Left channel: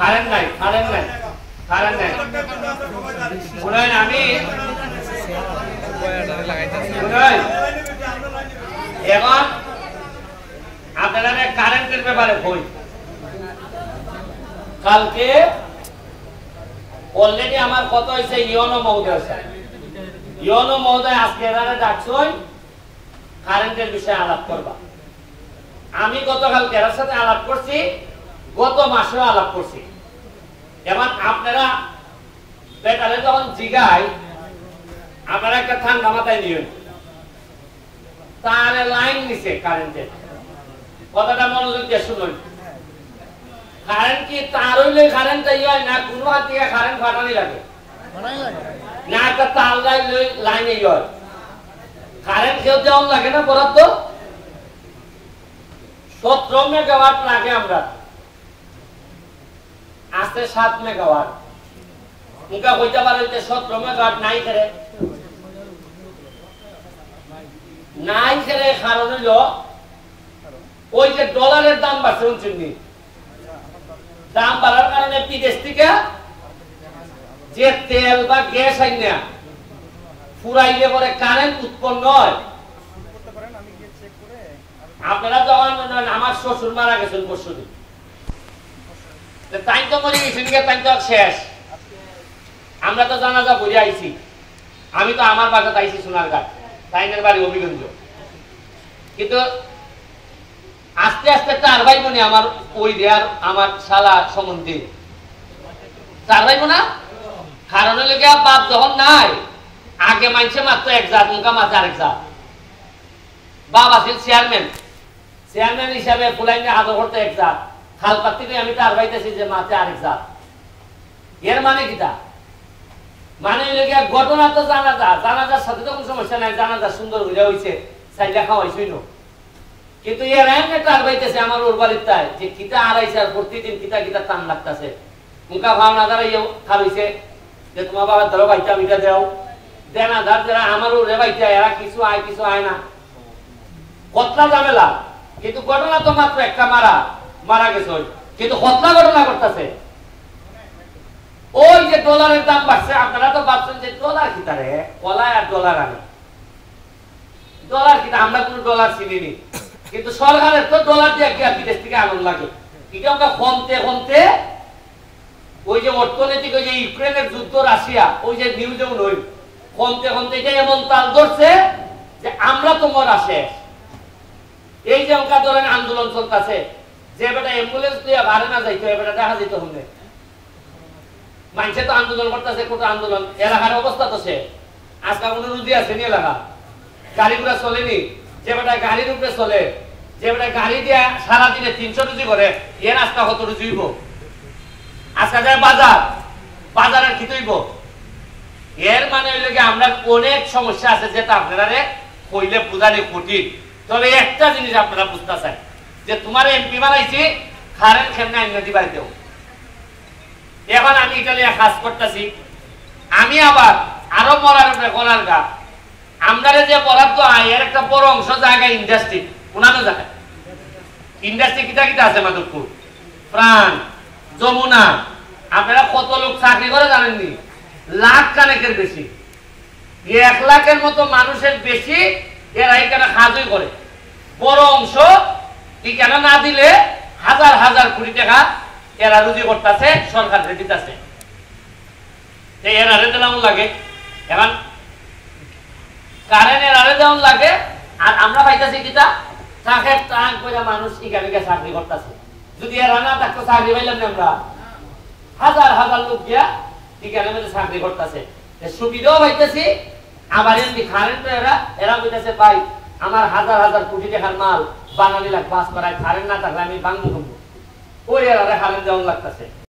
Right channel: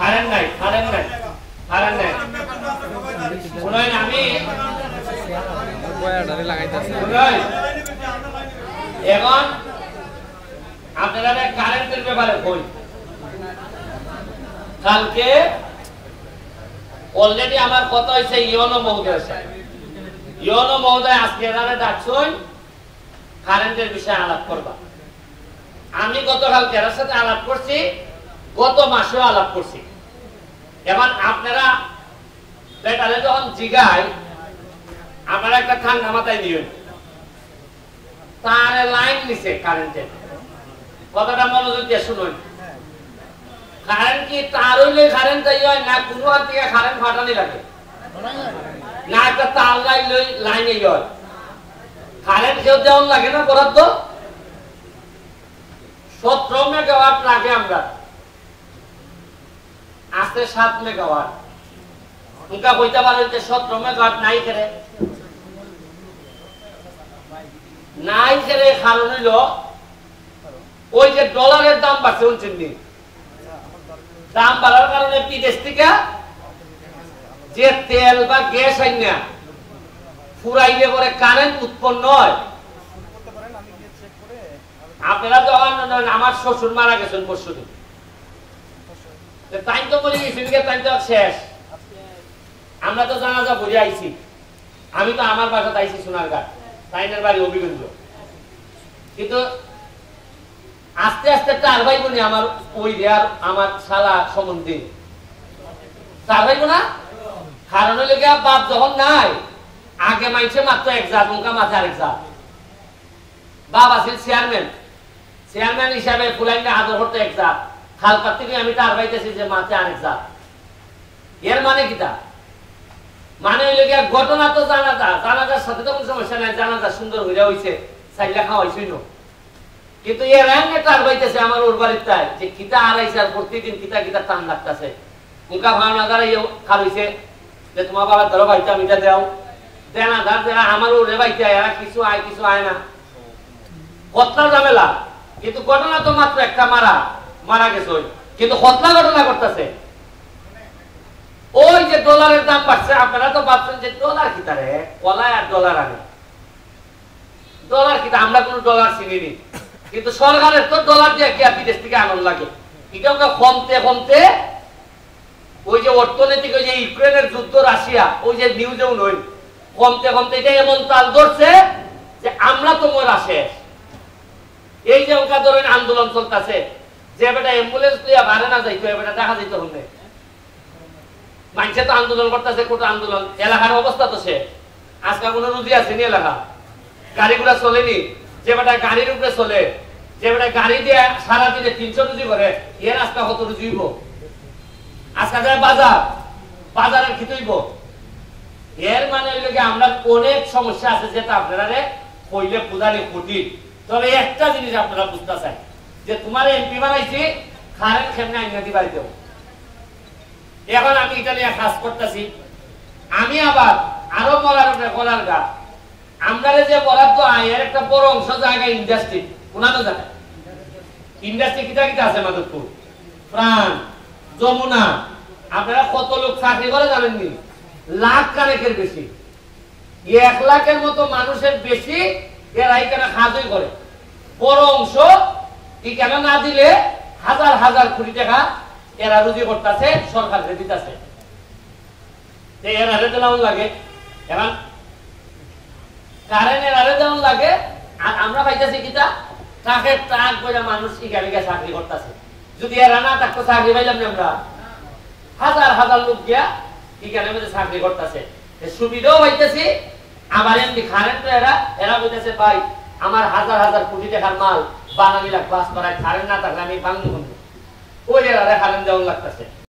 Current নাই শুনেন আমি এখন আপনারা কারেন্টের ব্যাপারে বই কালকে অলরেডি আমার কথা হয়েছে ইওনো মহোদয় আজকে এরারে ডাকছই কারেন্টের বিষয়ে আলাপ করবা। আমি গতকাল এর সাথে আলাপ করছি, গত মাসেও আলাপ করছি। এবার আপনারা বেটারে যখন জিগায় আপনারা একটা ঠান্ডা মাথায় নিয়ে তার লাইন নিছে কারেন্টের, কথাটা মনোযোগ দিয়ে শুনুন। কারেন্ট কি তার হইলে কারেন্ট হয় না, কোনো হাত থেকে কারেন্ট ফাটানি লাগে না, একটা তার লাইন হয় কারেন্ট কেউ দেওয়ান লাগে না। বরাদ্দ 17 মেগাওয়াট লাগে, আমরা আছে 7 মেগাওয়াট। উনকা কইতে পারে 17 মেগাওয়াট নাই খেরে কারণ হইল ওই যে ডলারের দাম বাড়ছে, শুনছেন দাম বাড়ার কারণে বিদেশ থেকে যে তেল বা গ্যাস আইনা ফুরাইলে পরে কারেন্ট উৎপন্ন হয়। আপনারা যখন আমার শ্বশুর মারা গেছেন পরশুদিন, তাই তো মরে গেছেন, তাই তো শেষ। আমরা তো জানাজা বুঝে আইছি, আমি তো আমার বাসাতে আইছি সোনারঘাট, তাইনের বাড়ি অভিগঞ্জ। কিন্তু আস্তে আস্তে 4 ভাই বোনে আমার ওই দেয়ার আমার শালা সম্বন্ধে 4 ভাই বোনা। কারণ হইলে বাপ যখন নাই, আগে মানছে মাত্র 1 জাত, উনকা মাঝে আরেক জাত। বাপ আছিল চেয়ারম্যান হিসাবে ফুলাইনে আদর করতে 1 জাত, খাল পাতি আমি তার বাইতেছি যে মাঝে আরেক জাত। এর মানে কিটা? মানে হইলে ঘটনা তো জানাজার সাথে তো কোনো সমস্যা নাই, জানাজা সুন্দর হইয়া হইছে, চাইলে খাওয়াইছই না। কিন্তু এর এনে তার বাইতেছে আমার ওর বাড়িতে যে কিতা আড়াইছে, আর প্রতিদিন কিতা কিতা টান লাগতেছে। মুখা ভাবনা দ্বারা খাওয়াইছে যে তোমার বাবার ধরো ভাইটা মিটা দেও দেনা ধার যারা আমার ওরে ভাইটা, এরা কিছু আয় না, কতলা ঝামেলা। কিন্তু ঘটনা তো মাত্র একটা, মারা গেছে। কিন্তু কতলা ঘটনা করতেছে। ওই যে ডলারের দাম বাড়ছে, আপনারা তো ভাবছেন যে ডলার কিতা রে, কলায় আর ডলার আনে, ডলার কিতা, আমরা কোন ডলার চিনিনি। কিন্তু সরকারের তো ডলার দিয়ে কি বিদেশ থেকে আনন্দ লাগে। এটা কমতে ওই যে অর্থনৈতিক ওই যে ইউক্রেনের যুদ্ধ, রাশিয়া, ওই যে নিউজেও নই, কমতে এটা এমন তাল ধরছে যে আমরা তো মরা শেষ। এই যে অঙ্কা ধরেন আন্দোলন চলতেছে, যে বেটা অ্যাম্বুলেন্স দিয়ে ভাড়া না যাইতো, এবার দেখা যেত হবে। মানুষে তো আন্দোলন করতেছে, কোটা আন্দোলন, এলাকার অবস্থা তো সে আজকাল কোনো রুজি আছে নি, এলাকা গাড়িগুলা চলেনি। যে বেটা গাড়ির উপরে চলে, যে বেটা গাড়ি দিয়ে সারাদিনে 300 রুজি করে, এর আজকা কত রুজি হইব? আজকা যায় বাজারের কি হইব? এর মানে হইলে আমরা অনেক সমস্যা আছে, যেটা আপনারা কইলে বুঝালে কঠিন। তবে একটা জিনিস আপনারা বুঝতে চাই যে তোমার এমপি বানাইছি, কারেন্ট কেমনে আইনা দিবা দেও। এখন আমি ইটালিয়া কাজ করতেছি, আমি আবার আরো মরার গলার গা, আমরা যে বরাদ্দ আয় এর একটা বড় অংশ জায়গায় ইন্ডাস্ট্রি, উনানো জায়গায় ইন্ডাস্ট্রি কিতা আছে, মাধবপুর, প্রাণ, যমুনা। আপনারা কত লোক চাকরি করে জানেননি? লাখ কানেকের বেশি, 1 লাখের মতো মানুষের বেশি এরা এখানে কাজই করে। বড় অংশ এখানে না দিলে হাজার কোটি টাকা এরা রুজি করতেছে, সরকার দিতেছে। এরা দেওয়ান লাগে, এখন কারেন্ট এরা দেওয়ান লাগে। আর আমরা পাইতেছি কিতা তাকে টাক পয়সা মানুষ এখানে চাকরি করতেছে। যদি এরা না থাকতো চাকরি পাইলাম না, আমরা হাজার লোক গিয়া এখানে চাকরি করতেছে, সুবিধাও পাইতেছি। আবার এমনি কারেন্ট এরা বলতেছে ভাই আমার হাজার কোটি টাকার মাল বাঙালি লাগবে, কারেন্ট না থাকলে আমি ভাঙবো। ওই এরা কারেন্ট দেওয়ান লাগতেছে।